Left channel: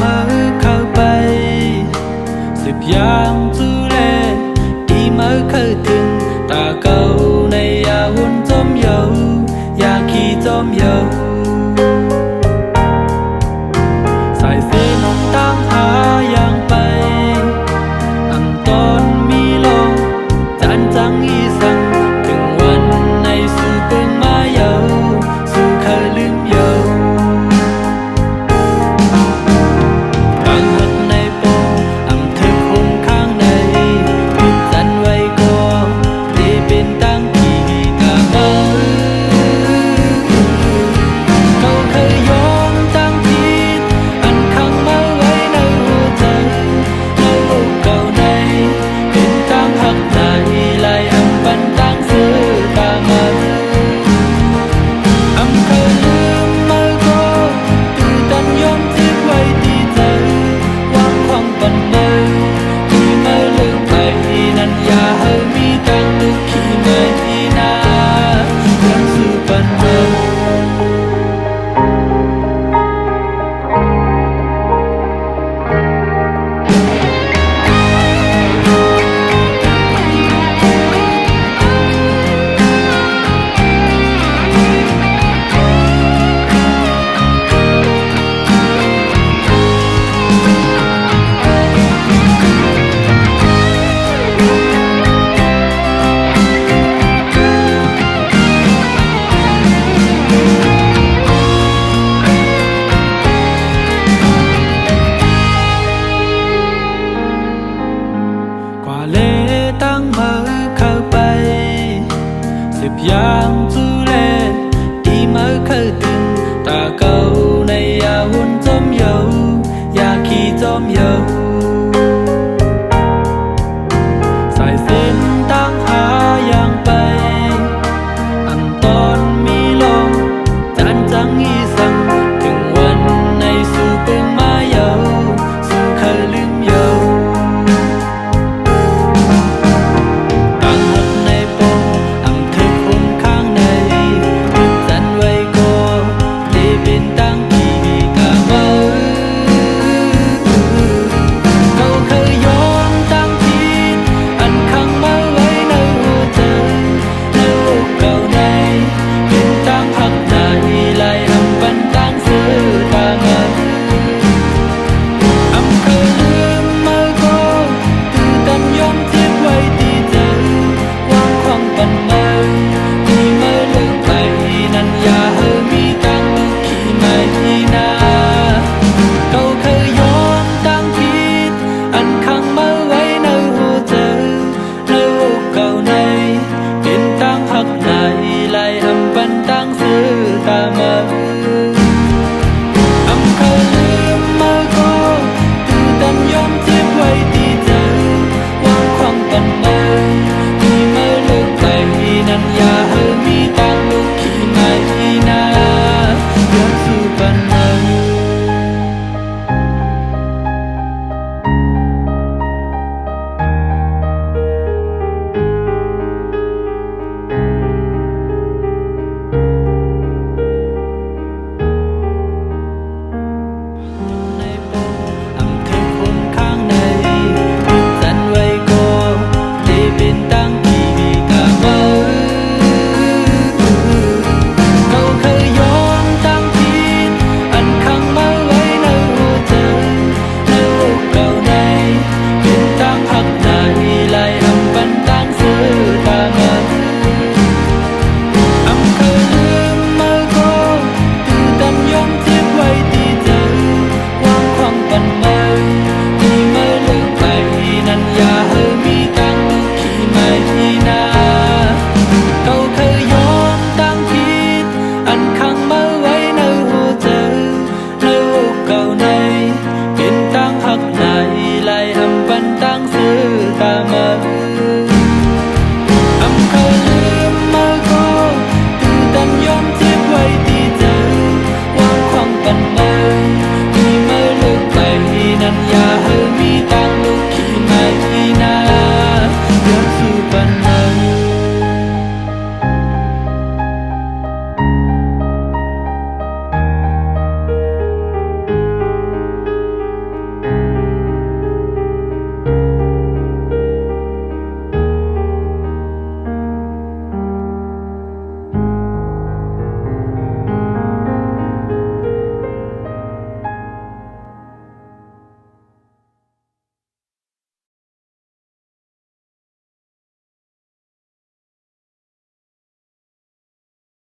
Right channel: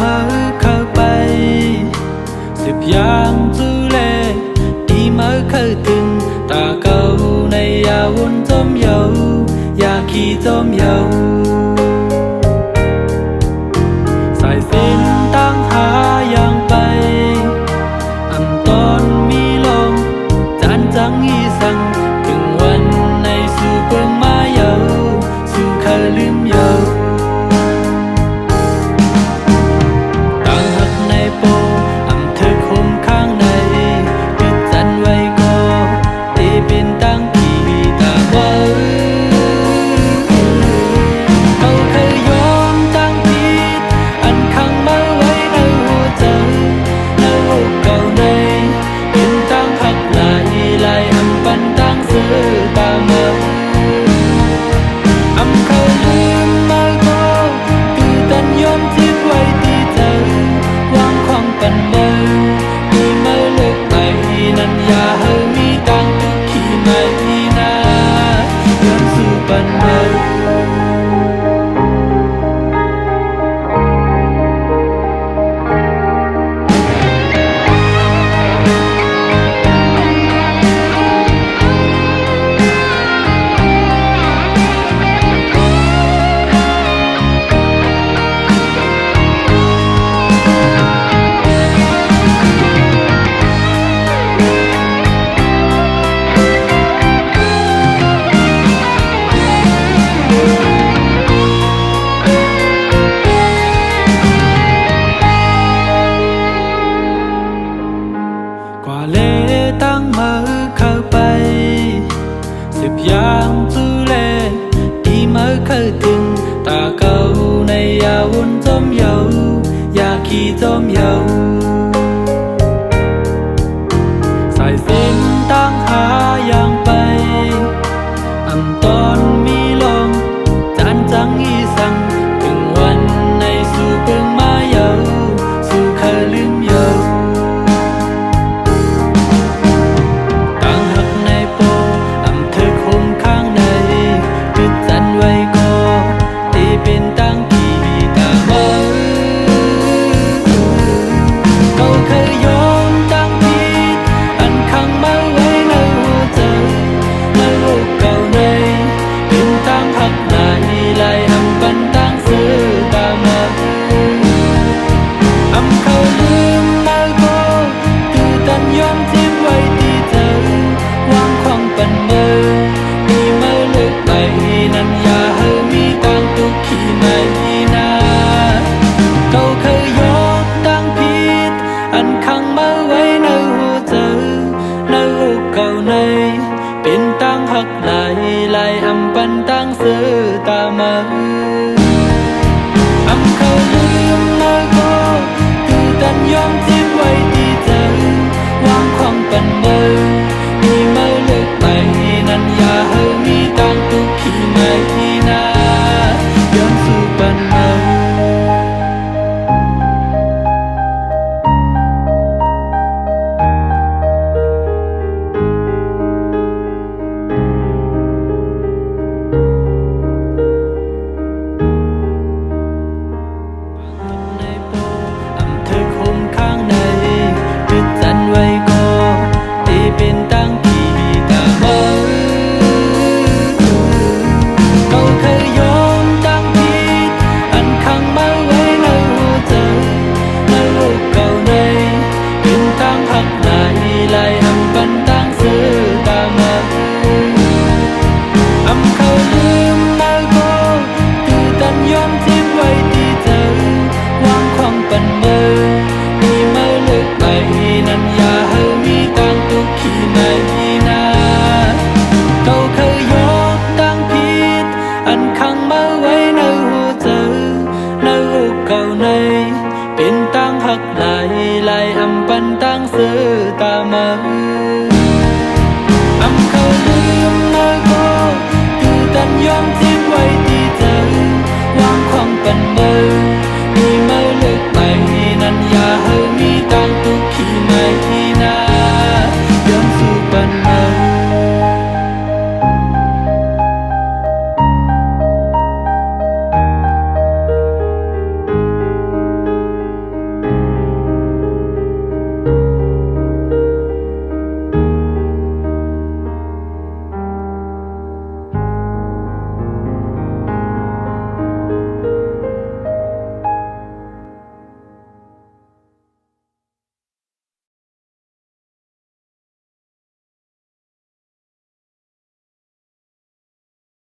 mở khơi bay dịp yang du lệ đi mở khơi thừng ta câu này ya won tôm dầu ya khi tôm dầu sải xiên tăng há yang bay âm tôn mi long chán trắng y sangถึงวันในสู่เปิงมาเยาสู่เคยลืมเยาตั้งหักในโปอำเธอคมข้างในยึดจันไว้ก็ตีเป็นตั้งขี่ตามาเขาเคยยอมตั้งผิดอันขังมาไว้ในหัวใจในอกเก่าในเป็นตั้งหักไหลไหลอำปันตั้งซื้อตามาอำเคยลืมมาก็ตื่นตันยอมทิ้งไว้ที่เธอวางความปันมาที่มาเลิกไปนั้นอย่าให้มีตังตุกขี้ไม่นาย้อนสู่ปันมากว่าเลตั้งมือเข้าไปสิบอย่างจูเลที่มือเข้าถึงตาเก่าในยาวนจมเยาอยาขี้จมเยาสายเส้นตั้งหาอย่างไปอันตอนมีลองจานจังอีสังถึงวันในสู่เปิงมาเยาสู่เคยลืมเยาเป็นตั้งกี่ตามาเขาเคยยอมตั้งผิดอันขังมาไว้ในหัวใจในอกเก่าในเป็นตั้งหักไหลไหลอำปันตั้งซื้อตามาอำเคยลืมมาก็ตื่นตันยอมทิ้งไว้ที่เธอวางความปันมาที่มาเลิกไปนั้นอย่าให้มีตังตุกขี้ไม่นาเขาเคยยอมตั้งผิดอันขังมาไว้ในหัวใจในอกเก่าในเป็นตั้งหักไหลไหลอำปันตั้งซื้อตามาอำเคยลืมมาก็ตื่นตันยอมทิ้งไว้ที่เธอวางความปันมาที่มาเลิกไปนั้นอย่าให้มีตังตุกขี้ไม่นาย้อนสู่ปันมาในโปอำเธอคมข้างในยึดจันไว้ก็ที่เป็นตั้งกี่ตามาเขาเคยยอมตั้งผิดอันขังมาไว้ในหัวใจในอกเก่าในเป็นตั้งหักไหลไหลอำปันตั้งซื้อตามาอำเคยลืมมาก็ตื่นตันยอมทิ้งไว้ที่เธอวางความปันมาที่มาเลิกไปนั้นอย่าให้มีตังตุกขี้ไม่นาเขาเคยยอมตั้งผิดอันขังมาไว้ในหัวใจในอกเก่าในเป็นตั้งหักไหลไหลอำปันตั้งซื้อตามาอำเคยลืมมาก็ตื่นตันยอมทิ้งไว้ที่เธอวางความปันมาที่มาเลิกไปนั้นอย่าให้มีตังตุกขี้ไม่นา